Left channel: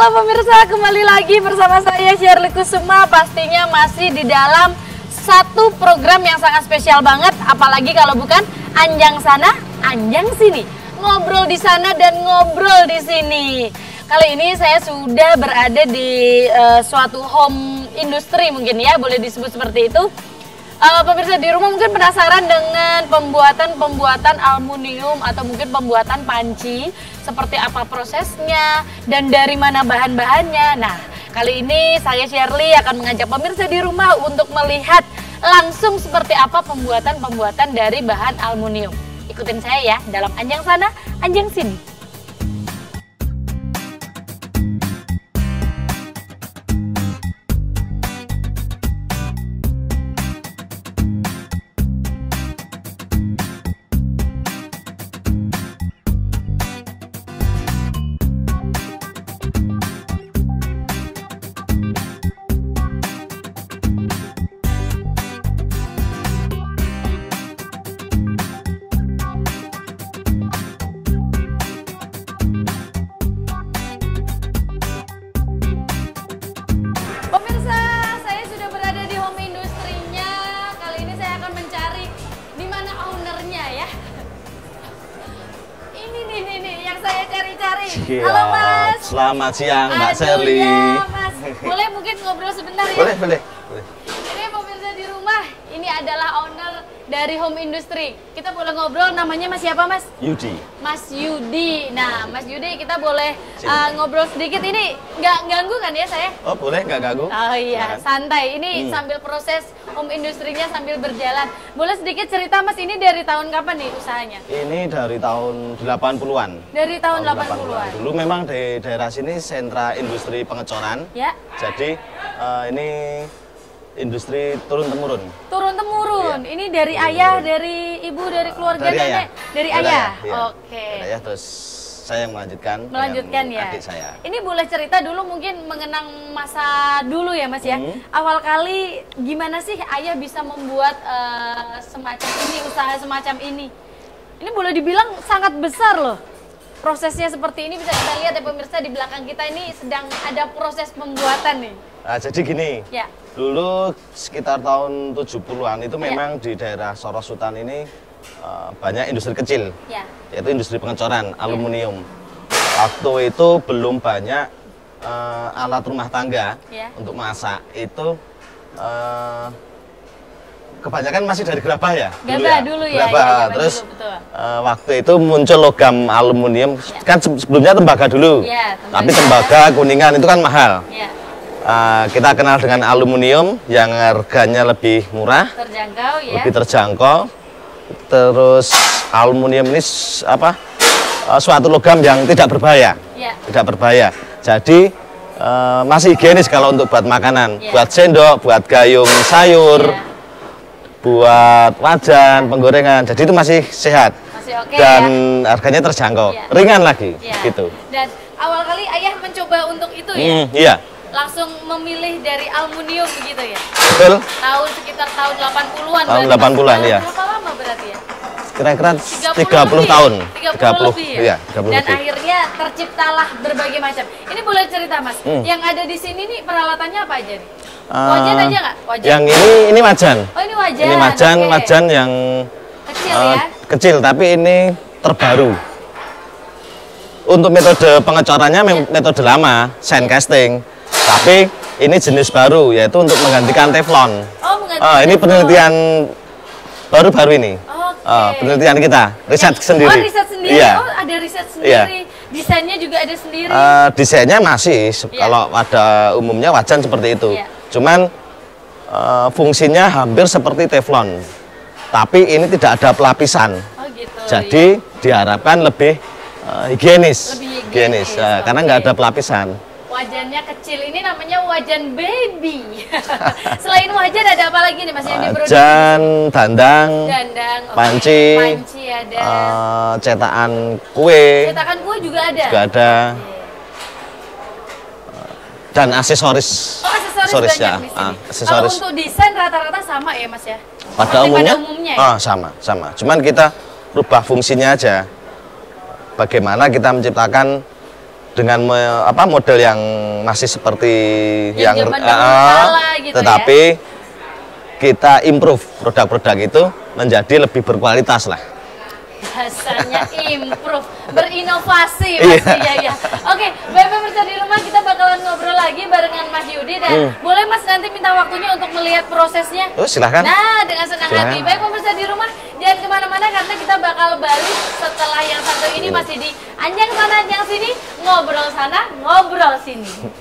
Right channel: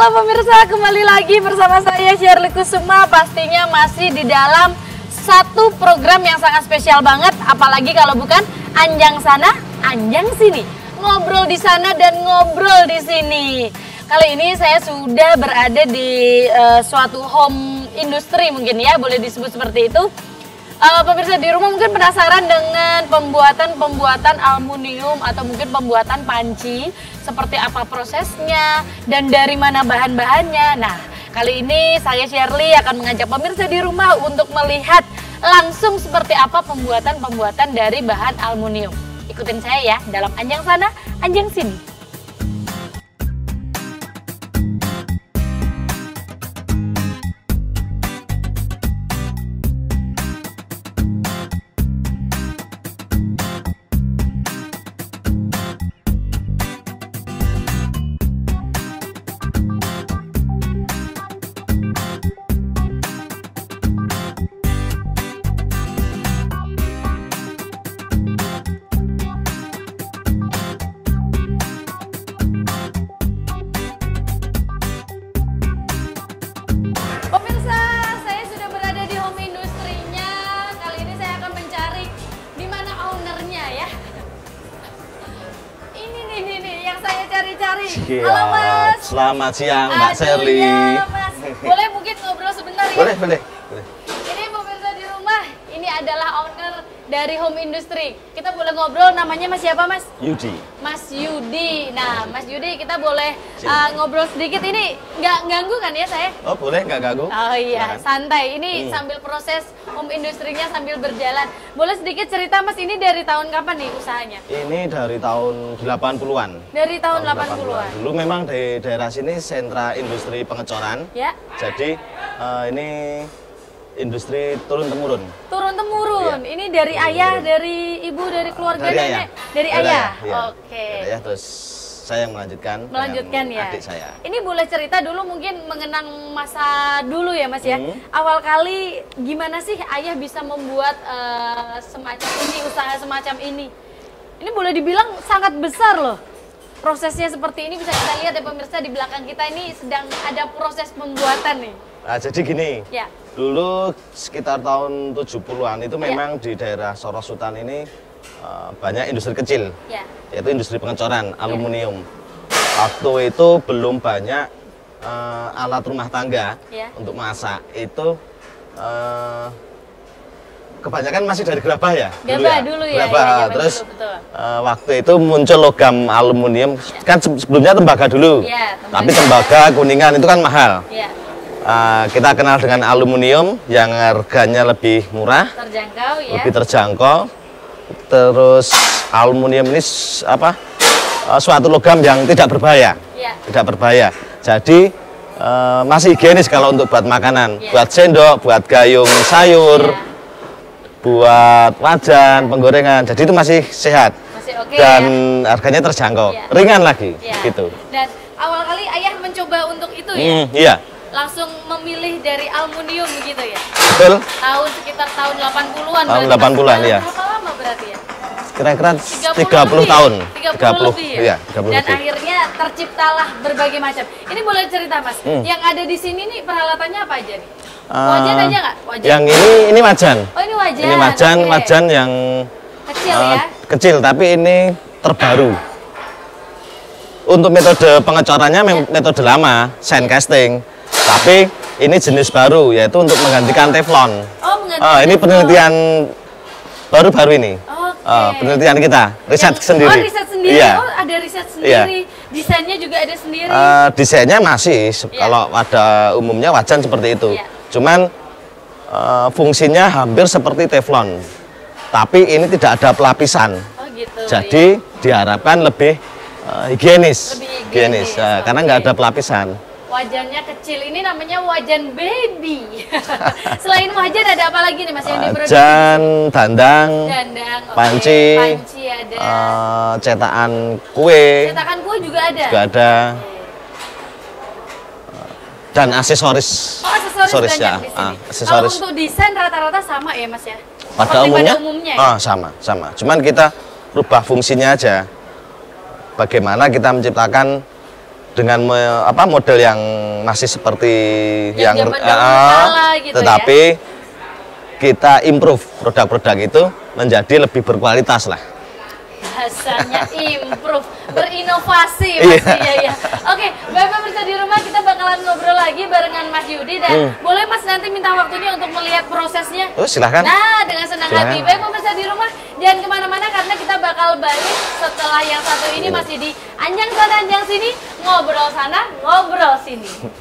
Halo pemirsa, kembali lagi bersama saya Shirley Kusuma. Pastinya masih di dalam satu program yang sangat spesial banget. Apalagi kalau bukan Anjang Sana, Anjang Sini. Ngobrol di sana dan ngobrol di sini. Kali ini saya sudah berada di suatu home industry mungkin ya, boleh disebut seperti itu. Pemirsa di rumah mungkin penasaran dengan pembuatan aluminium atau mungkin pembuatan panci, seperti apa prosesnya dan dari mana bahan-bahannya. Nah, kali ini saya Shirley akan mengajak pemirsa di rumah untuk melihat langsung seperti apa pembuatan dari bahan aluminium. Ikutin saya ya dalam Anjang Sana, Anjang Sini. Cari. Halo Mas. Selamat siang. Aduh ya Mas, boleh mungkin ngobrol sebentar ya? Ini pemirsa di rumah, ini adalah owner dari home industry. Kita boleh ngobrol, namanya Mas siapa Mas? Mas Yudi. Nah Mas Yudi, kita boleh ngobrol sedikit. Ini nggak ganggu kan ya saya? Oh iya, santai. Ini sambil proses home industry-nya sambil berjalan. Boleh sedikit cerita Mas, ini dari tahun kapan nih usahanya? Ini dari tahun 80-an. Dari tahun 80-an. Itu memang di daerah sini sentra industri pengecoran. Ya. Jadi ini industri turun-temurun. Turun-temurun. Ini dari ayah, dari ibu, dari keluarga nenek, dari ayah. Oke. Ya, terus saya melanjutkan ya. Ini boleh cerita dulu mungkin mengenang masa dulu ya Mas ya. Awal kali gimana sih ayah bisa membuat semacam ini, usaha semacam ini? Ini boleh dibilang sangat besar loh. Prosesnya seperti ini bisa kita lihat ya pemirsa, di belakang kita ini sedang ada proses pembuatan nih. Nah jadi gini, ya. Dulu sekitar tahun 70-an itu ya. memang di daerah Solo Sultan ini banyak industri kecil. Ya. Jadi industri pengecoran ya. aluminium. Waktu itu belum banyak alat rumah tangga ya. untuk masak. Itu kebanyakan masih dari gabah ya? Gabah dulu ya, ya zaman dulu betul. Waktu itu muncul logam aluminium, ya. Kan sebelumnya tembaga dulu. Ya, tembaga. Hubungan itu kan mahal. Ya. Kita kenal dengan aluminium yang harganya lebih murah. Terjangkau ya. Terjangkau. Terus aluminium ini suatu logam yang tidak berbahaya. Ya. Tidak berbahaya. Jadi masih higienis kalau untuk buat makanan. Ya. Buat sendok, buat gayung sayur. Ya. Buat wajan, ya. penggorengan, jadi itu masih sehat. Masih oke ya. Harganya ya. Dan awal kali ayah mencoba untuk itu ya? Ya. Langsung memilih dari aluminium gitu ya? Tahun sekitar tahun 80-an berarti Mas. Berapa lama berarti ya? 30 lebih ya? 30 lebih ya? Dan akhirnya terciptalah berbagai macam. Ini boleh cerita Mas, yang ada di sini nih peralatannya apa aja nih? Wajan aja nggak? Wajan? Oh ini wajan, oke. Kecil ya? Kecil, tapi ini terbaru. Untuk metode pengecorannya ya. Metode lama, ya. Tapi ini jenis baru, yaitu menggantikan teflon. Oh, menggantikan teflon. Baru ini. Oke. Yang riset sendiri. Oh, ada riset sendiri. Desainnya juga ada sendiri. Desainnya nanti. Iya. Umumnya wajan seperti itu. Iya. Cuman fungsinya hampir seperti teflon, tapi ini tidak ada pelapisan. Oh gitu. Jadi, ya. Diharapkan lebih higienis. Lebih higienis, oke. Wajannya kecil, ini namanya wajan baby. Selain wajan ada apa lagi nih Mas yang diproduksi di sini? Dandang, oke. Panci ada. Cetakan kue juga ada, oke. Oh, aksesoris banyak di sini. Kalau untuk desain rata-rata sama ya Mas ya? Seperti pada umumnya ya? Cuman kita ubah fungsinya aja. Bagaimana kita menciptakan dengan model yang masih seperti yang zaman dahulu kala gitu ya. Tapi kita improve produk-produk itu menjadi lebih berkualitas. Bahasanya improve, berinovasi pastinya ya. Oke, Bapak pemirsa di rumah, kita bakalan ngobrol lagi barengan Mas Yudi, dan boleh Mas nanti minta waktunya untuk melihat prosesnya. Nah, dengan senang hati. Baik pemirsa di rumah, jangan kemana-mana karena kita bakal balik setelah yang satu ini masih di Anjang Sana Anjang Sini, ngobrol sana ngobrol sini.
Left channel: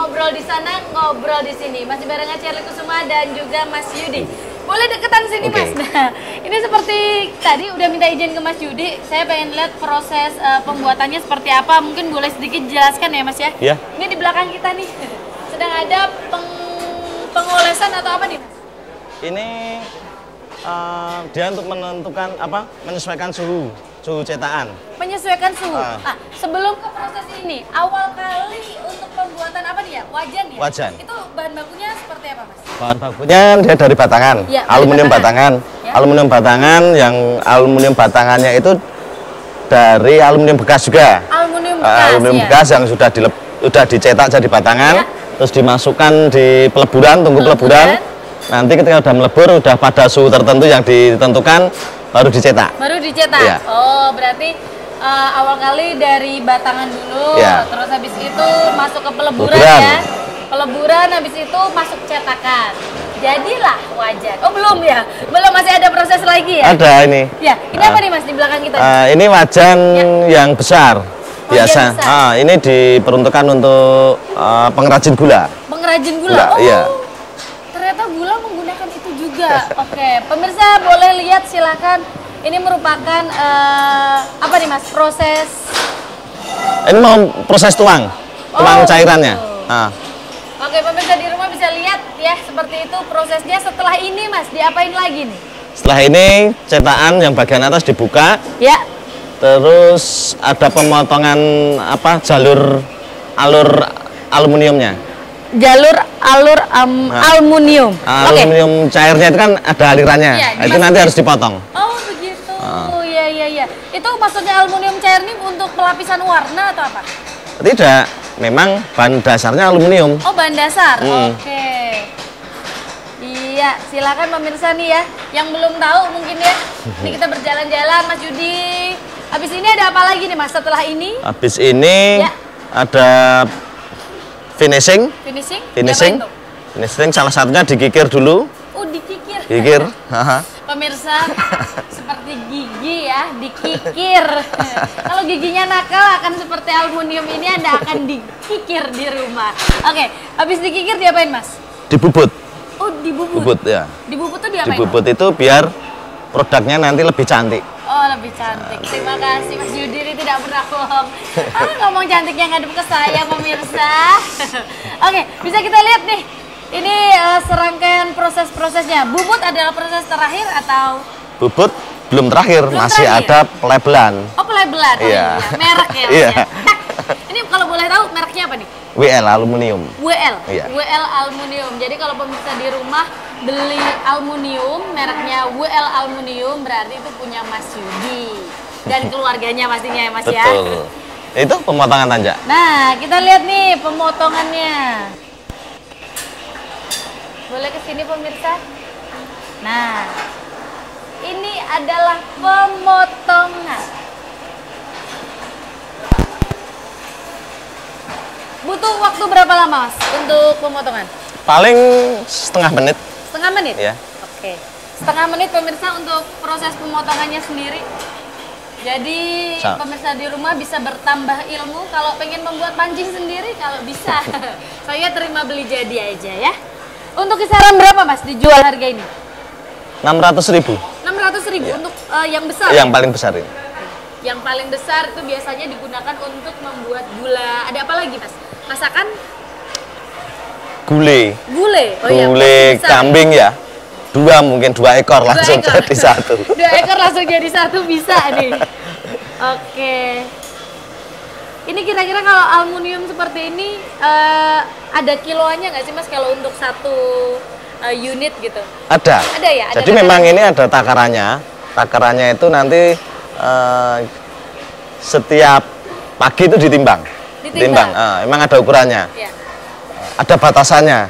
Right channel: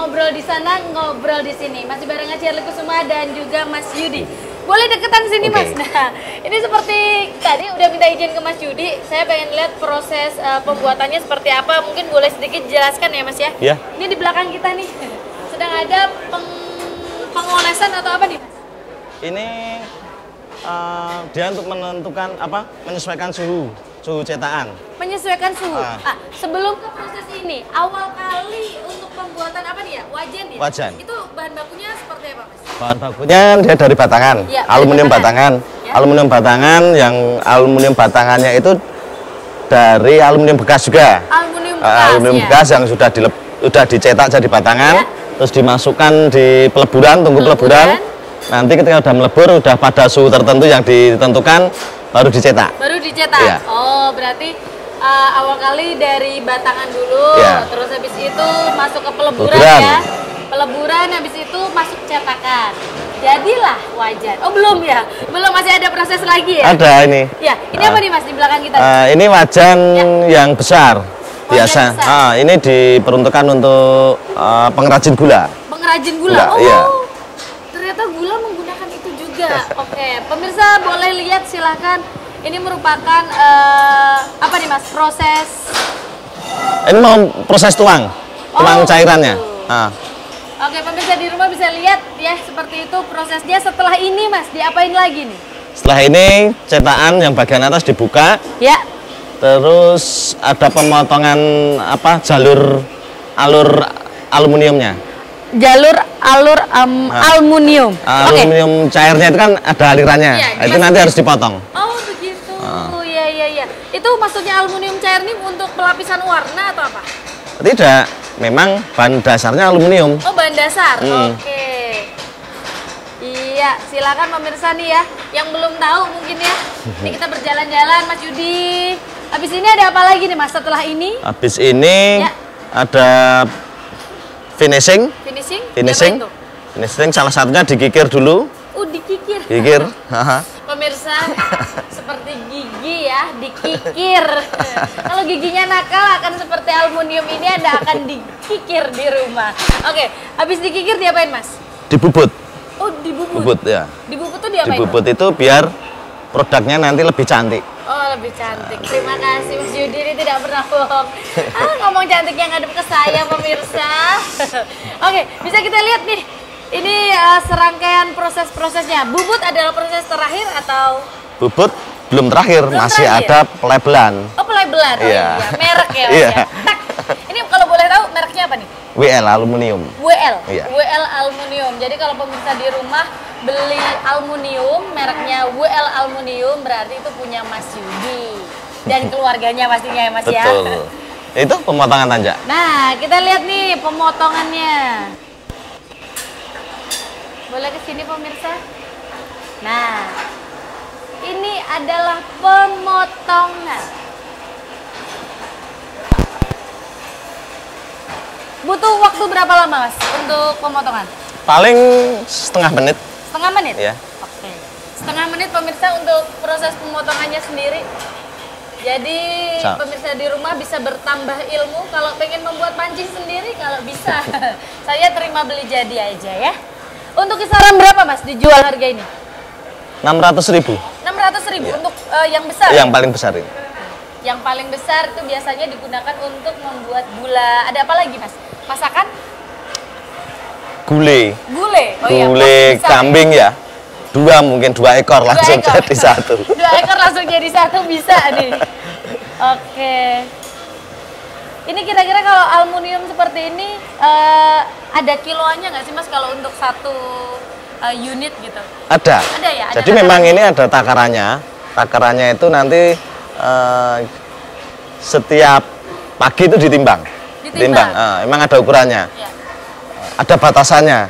Ngobrol di sana, ngobrol di sini. Masih barengan Shirley Kusuma dan juga Mas Yudi. Boleh deketan sini Mas. Nah, ini seperti tadi udah minta izin ke Mas Yudi. Saya pengen lihat proses pembuatannya seperti apa. Mungkin boleh sedikit jelaskan ya Mas ya. Ini di belakang kita nih sedang ada pengolesan atau apa nih Mas? Menyesuaikan suhu. Ah, sebelum ke proses ini, awal kali untuk pembuatan apa nih ya? Wajan ya? Itu bahan bakunya seperti apa, Mas? Dari batangan. Ya, dari batangan. Ya. Batangan yang aluminium batangannya itu dari aluminium bekas. Aluminium bekas ya. Ya. Peleburan. Baru dicetak. Oh, berarti awal kali dari batangan dulu, terus habis itu masuk ke peleburan ya. Peleburan habis itu masuk cetakan. Jadilah wajan. Oh, belum ya? Belum, masih ada proses lagi ya? Ya, ini apa nih Mas di belakang kita nih? Ya. Wajan besar. Pengrajin gula. Oh, ternyata gula menggunakan itu juga. Oke, pemirsa boleh lihat silahkan. Ini merupakan apa nih Mas? Proses. Oh, begitu. Oke, pemirsa di rumah bisa lihat ya seperti itu prosesnya. Setelah ini Mas, diapain lagi nih? Yang bagian atas dibuka. Ya. Terus ada pemotongan jalur alur aluminiumnya. Jalur aluminium. Oke. Cairnya itu kan ada. Ya, dimasukin. Oh, begitu. Ya. Itu maksudnya aluminium cair ini untuk pelapisan warna atau apa? Oh, bahan dasar. Oke. Iya, silakan pemirsa nih ya. Yang belum tahu mungkin ya. Ini kita berjalan-jalan Mas Yudi. Habis ini ada apa lagi nih Mas setelah ini? Ya. Finishing? Diapain tuh? Dikikir. Pemirsa, seperti gigi ya, dikikir. Kalau giginya nakal akan seperti aluminium ini, Anda akan dikikir di rumah. Oke, habis dikikir diapain Mas? Oh, dibubut. Dibubut tuh diapain tuh? Oh, lebih cantik. Terima kasih Mas Yudi, ini tidak pernah bohong. Ngomong cantiknya ngadep ke saya pemirsa. Oke, bisa kita lihat nih. Ini serangkaian proses-prosesnya. Bubut adalah proses terakhir atau belum terakhir? Oh, pelabelan. Oh iya, merek ya Mas ya. Tak. Ini kalau boleh tahu mereknya apa nih? WL Aluminium. Jadi kalau pemirsa di rumah beli aluminium, mereknya WL Aluminium, berarti itu punya Mas Yudi dan keluarganya pastinya ya Mas ya. Nah, kita lihat nih pemotongannya. Boleh ke sini pemirsa? Nah, ini adalah pemotongan. butuh waktu berapa lama Mas untuk pemotongan? Paling setengah menit. Setengah menit? Oke. Setengah menit pemirsa untuk proses pemotongannya sendiri. Jadi pemirsa di rumah bisa bertambah ilmu. Kalau pengen membuat pancing sendiri, kalau bisa saya terima beli jadi aja ya. Untuk kisaran berapa Mas dijual harga ini? 600.000 untuk yang besar ya? Oke. Yang paling besar itu biasanya digunakan untuk membuat gula. Ada apa lagi Mas? Masakan? Gulai. Oh iya, porsi besar ya? 2 ekor. 2 ekor langsung jadi 1 bisa nih. Oke. Ini kira-kira kalau aluminium seperti ini ada kiloannya nggak sih Mas kalau untuk 1 unit gitu? Ada ya? Ada takarannya ya? Ditimbang. Ya.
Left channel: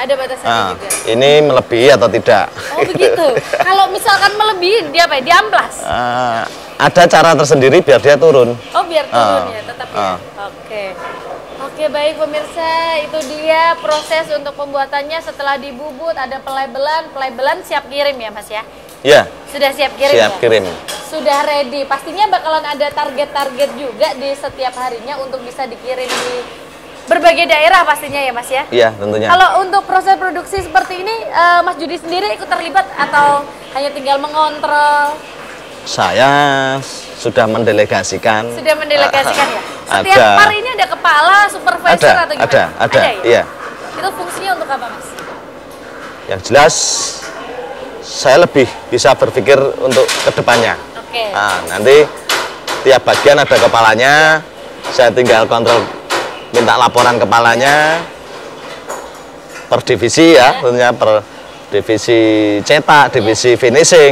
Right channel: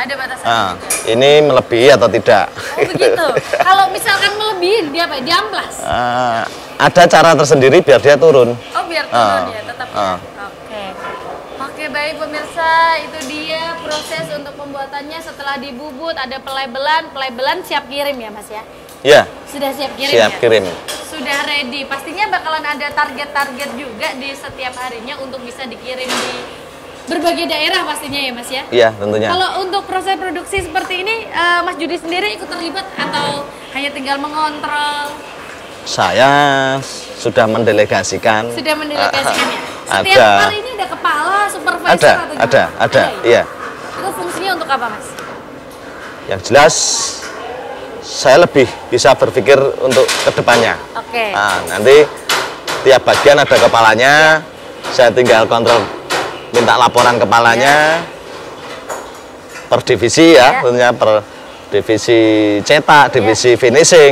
Ada batasannya juga. Oh begitu. Kalau misalkan melebihin dia apa? Diamplas. Oh biar turun ya, tetap ya. Oke. Oke baik pemirsa, itu dia proses untuk pembuatannya setelah dibubut. Ada pelabelan siap kirim ya Mas ya? Sudah siap kirim ya? Sudah ready. Pastinya bakalan ada target-target juga di setiap harinya untuk bisa dikirim di berbagai daerah pastinya ya Mas ya? Kalau untuk proses produksi seperti ini, Mas Judi sendiri ikut terlibat atau hanya tinggal mengontrol? Sudah mendelegasikan ya? Setiap par ini ada kepala, supervisor atau gimana? Ada ya? Itu fungsinya untuk apa Mas? Saya lebih bisa berpikir Oke. Setiap bagian ada kepalanya. Iya. Sudah tinggal melakukan kepalanya. Ya. Konstitusi Ya. Konstitusi cetak. Ya. Konstitusi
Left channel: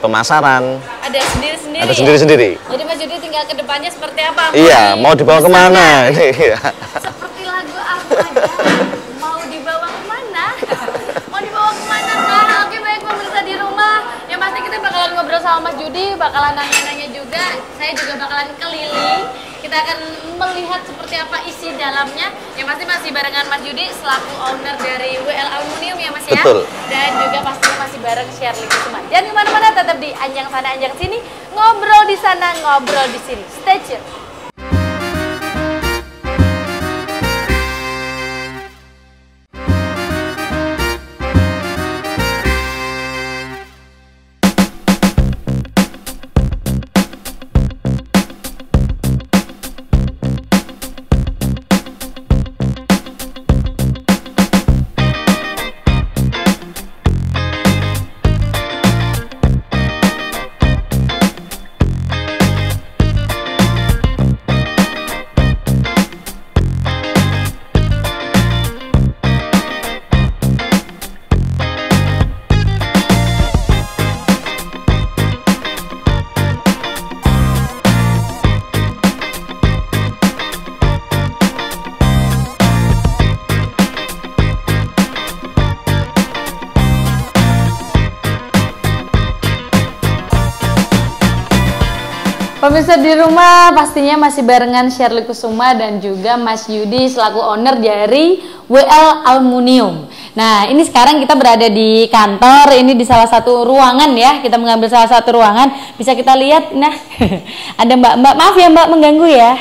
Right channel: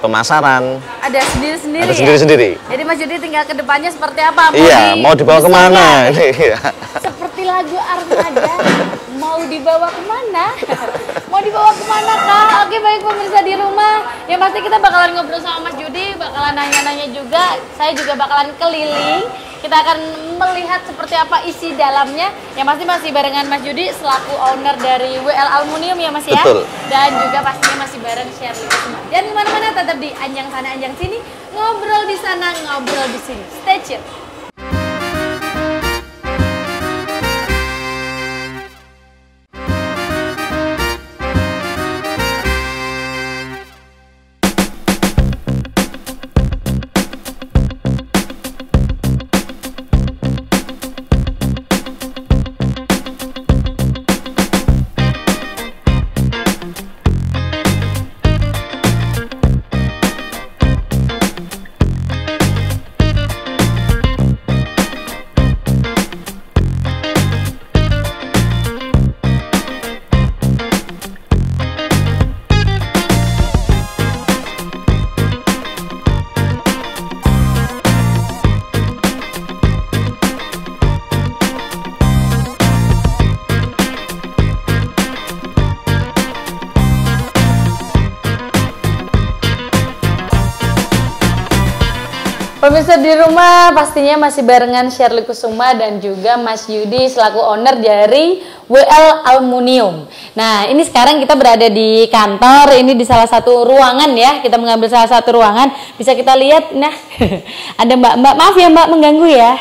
pemasaran. Ada sendiri-sendiri ya? Jadi Mas Judi tinggal ke depannya seperti apa? Mau dibesarkan? Seperti lagu Armada, mau dibawa kemana? Mau dibawa kemana Kak? Oke baik pemirsa di rumah, yang pasti kita bakalan ngobrol sama Mas Judi, bakalan nanya-nanya juga. Saya juga bakalan keliling, kita akan melihat seperti apa isi dalamnya. Yang pasti masih barengan Mas Judi selaku owner dari WL Aluminium ya Mas ya. Dan juga pastinya masih bareng Shirley Kusuma. Jangan kemana-mana, tetap di Anjang Sana Anjang Sini, ngobrol di sana ngobrol di sini. Stay tune. Pemirsa di rumah pastinya masih barengan Shirley Kusuma dan juga Mas Yudi selaku owner dari WL Aluminium. Nah ini sekarang kita berada di kantor, ini di salah satu ruangan ya, kita mengambil salah satu ruangan, bisa kita lihat, nah ada mbak-mbak, maaf ya mbak mengganggu ya.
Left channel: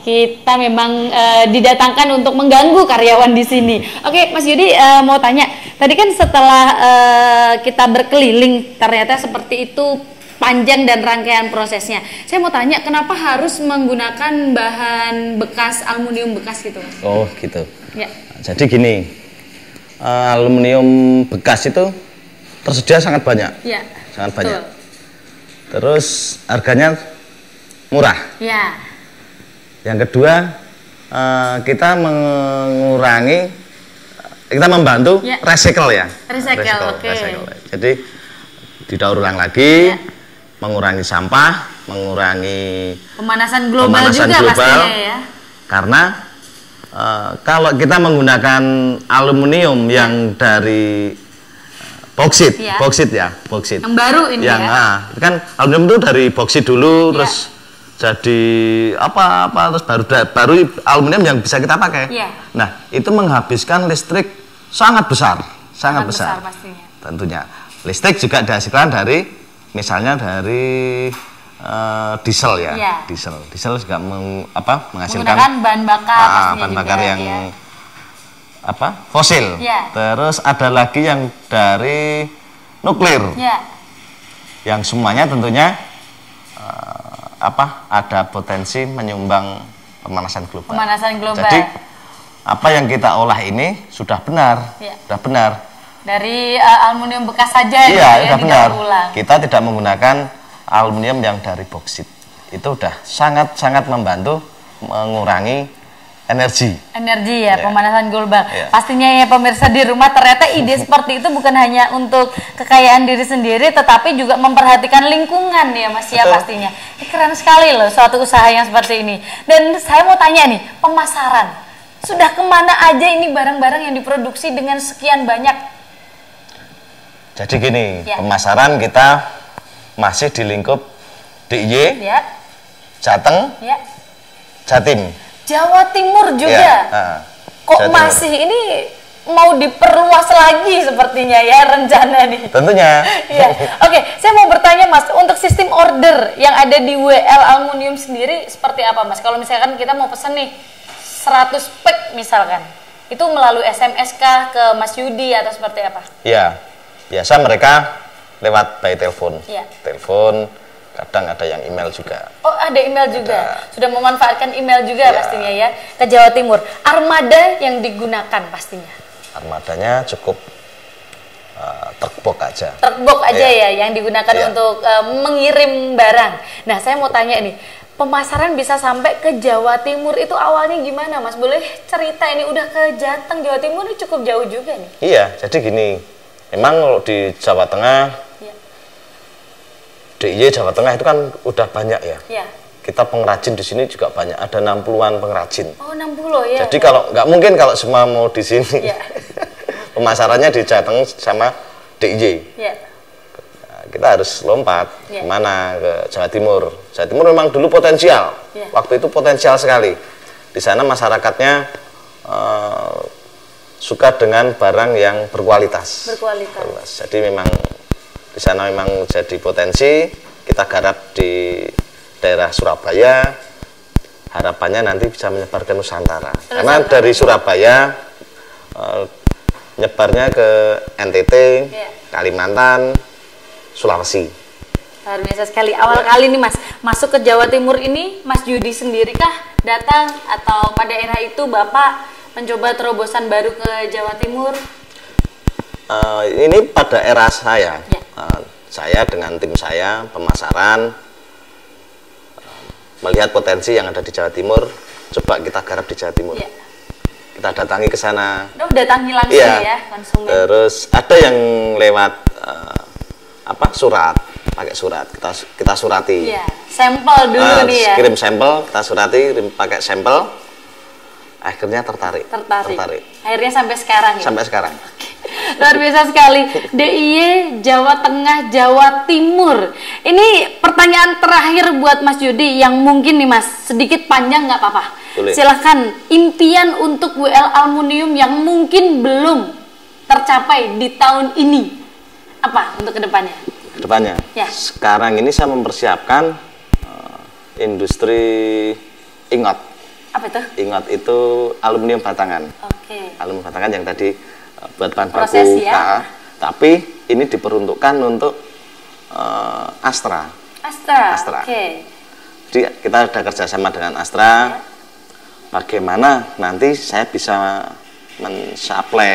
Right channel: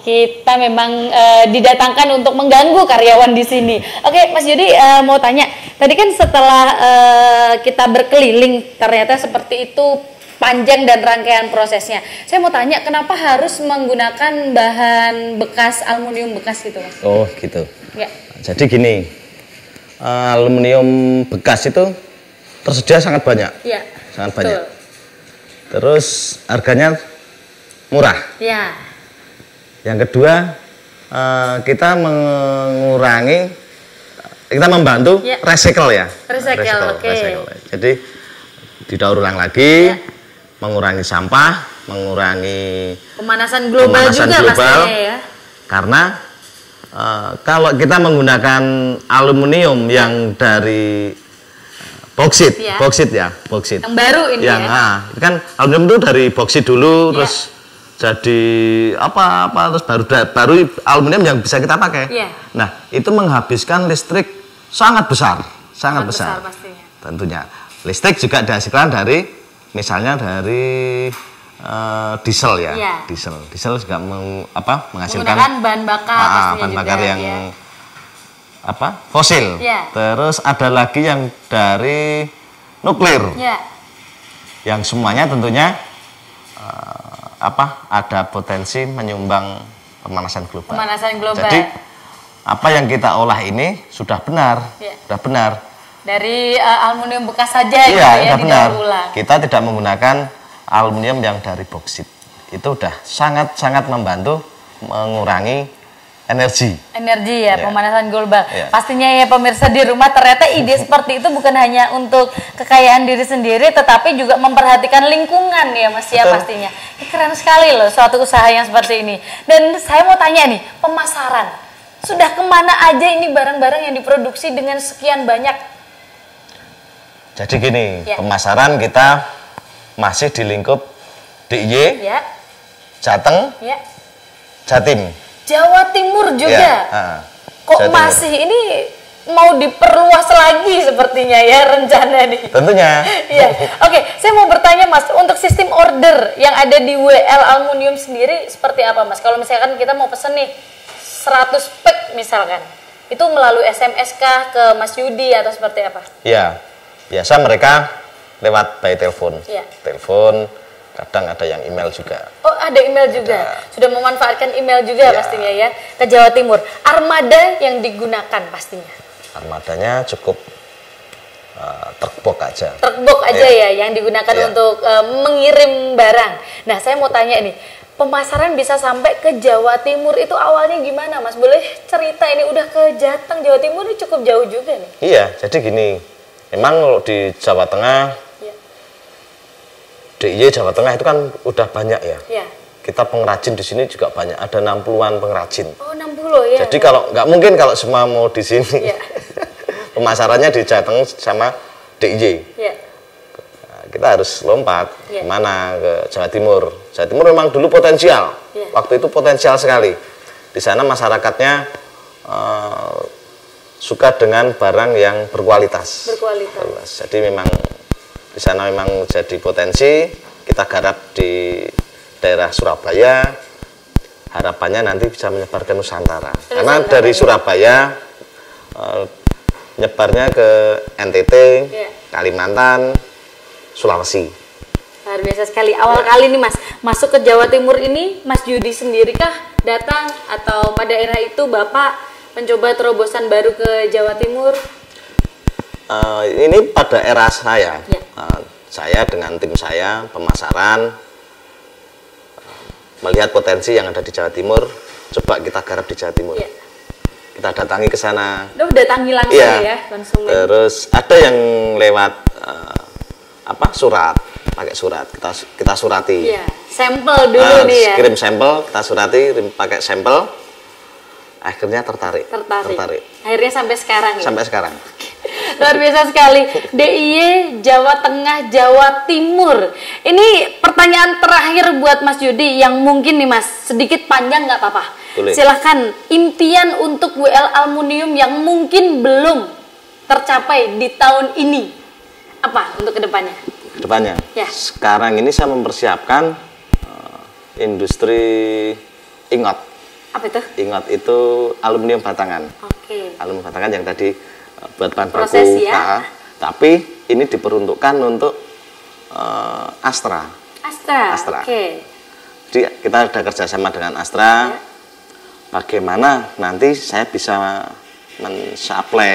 Kita memang didatangkan untuk mengganggu karyawan di sini. Oke Mas Yudi mau tanya, tadi kan setelah kita berkeliling ternyata seperti itu panjang dan rangkaian prosesnya. Saya mau tanya, kenapa harus menggunakan bahan bekas, aluminium bekas gitu, Mas? Oh, gitu. Ya. Jadi gini, aluminium bekas itu tersedia sangat banyak. Iya, betul. Terus harganya murah. Ya. Yang kedua, kita membantu ya. recycle ya. Recycle, oke. Jadi didaur ulang lagi. Ya. Mengurangi sampah, mengurangi pemanasan global juga pastinya ya. Karena kalau kita menggunakan aluminium yang dari boksit, boksit. Yang baru ini ya. Nah, kan aluminium itu dari boksit dulu, ya. terus jadi baru aluminium yang bisa kita pakai. Iya. Nah, itu menghabiskan listrik sangat besar. Sangat besar pastinya. Tentunya. Listrik juga dihasilkan dari, misalnya dari diesel ya. Iya. Diesel sudah menggunakan bahan bakar pastinya juga, ya. Fosil. Ya. Terus ada lagi yang dari nuklir. Ya. Yang semuanya tentunya ada potensi menyumbang pemanasan global. Jadi, apa yang kita olah ini sudah benar. Ya. Sudah benar. Dari aluminium bekas saja gitu ya, didaur ulang. Kita tidak menggunakan aluminium yang dari boksit. Itu sudah sangat membantu mengurangi energi ya, pemanasan global. Pastinya ya pemirsa di rumah, ternyata ide seperti itu bukan hanya untuk kekayaan diri sendiri, tetapi juga memperhatikan lingkungan ya Mas ya pastinya. Keren sekali loh suatu usaha yang seperti ini. Dan saya mau tanya nih, pemasaran. Sudah kemana aja ini barang-barang yang diproduksi dengan sekian banyak? Jadi gini, ya. Pemasaran kita masih di lingkup DIY, ya. Jateng, ya. Jatim. Jawa Timur juga. Kok masih ini mau diperluas lagi sepertinya ya rencana nih. Iya. Oke, saya mau bertanya Mas, untuk sistem order yang ada di WL Aluminium sendiri seperti apa Mas? Kalau misalkan kita mau pesen nih 100 pack misalkan, itu melalui SMS kah ke Mas Yudi atau seperti apa? Iya. Biasa mereka lewat by telepon. Iya. Telepon, kadang ada yang email juga. Oh, ada email juga. Sudah memanfaatkan email juga pastinya ya ke Jawa Timur. Armada yang digunakan pastinya. Armadanya cukup truk aja ya yang digunakan untuk mengirim barang. Nah, saya mau tanya nih, pemasaran bisa sampai ke Jawa Timur itu awalnya gimana Mas? Boleh cerita, ini udah ke Jateng, Jawa Timur ini cukup jauh juga nih. Iya, jadi gini, memang kalau di Jawa Tengah, ya. Di Jawa Tengah kan udah banyak ya. Iya. Kita pengrajin di sini juga banyak, ada 60-an pengrajin. Oh, 60 ya. Jadi nggak mungkin kalau semua mau di sini. Iya. Pemasarannya di Jateng sama DIY. Iya. Kita harus lompat mana ke Jawa Timur. Jawa Timur memang dulu potensial. Yeah. Waktu itu potensial sekali. Di sana masyarakatnya suka dengan barang yang berkualitas. Jadi memang di sana memang menjadi potensi. Kita garap di daerah Surabaya. Harapannya nanti bisa menyebar ke Nusantara ya. Surabaya menyebarnya ke NTT, Kalimantan, Sulawesi. Luar biasa sekali. Awal kali nih Mas masuk ke Jawa Timur ini, Mas Yudi sendiri kah datang atau pada era itu Bapak mencoba terobosan baru ke Jawa Timur? Ini pada era saya. Ya. Saya dengan tim saya pemasaran melihat potensi yang ada di Jawa Timur, coba kita garap di Jawa Timur. Ya. Kita datangi ke sana. Datangi langsung ya konsumen. Ada yang lewat surat. Iya, sampel dulu nih ya. Sampel, Surati pakai sampel, akhirnya tertarik. Akhirnya sampai sekarang ya. Sampai sekarang. Luar biasa sekali. DIY Jawa Tengah, Jawa Timur. Ini pertanyaan terakhir buat Mas Yudi yang mungkin nih Mas sedikit panjang nggak apa-apa. Silahkan, impian untuk WL Aluminium yang mungkin belum tercapai di tahun ini apa untuk kedepannya? Ya. Sekarang ini saya mempersiapkan industri timah. Apa itu? Timah itu aluminium batangan. Oke. Aluminium batangan yang tadi proses ya. Tapi ini diperuntukkan untuk Astra. Astra, oke. Iya, kita sudah bersama dengan Astra. Ya. Bagaimana nanti saya bisa supply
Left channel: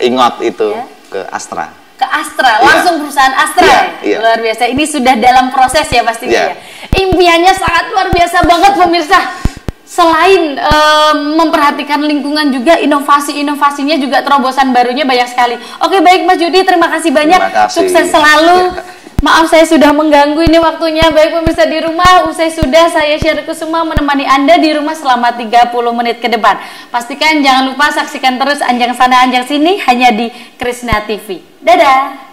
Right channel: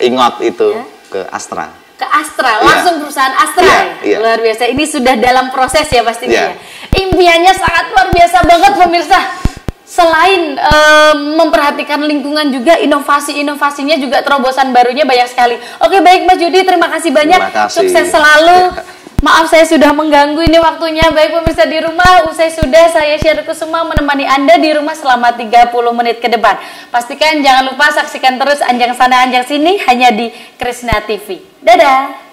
timah itu ke Astra. Ke Astra, langsung perusahaan Astra ya. Luar biasa, ini sudah dalam proses ya pastinya ya. Impiannya sangat luar biasa banget pemirsa. Selain memperhatikan lingkungan juga, inovasi-inovasinya juga terobosan barunya banyak sekali. Oke, baik Mas Yudi, terima kasih banyak. Sukses selalu. Maaf saya sudah mengganggu ini waktunya. Baik pemirsa di rumah, usai sudah saya Syarliku semua menemani Anda di rumah selama 30 menit ke depan. Pastikan jangan lupa saksikan terus Anjang Sana Anjang Sini hanya di Krisna TV. Dadah.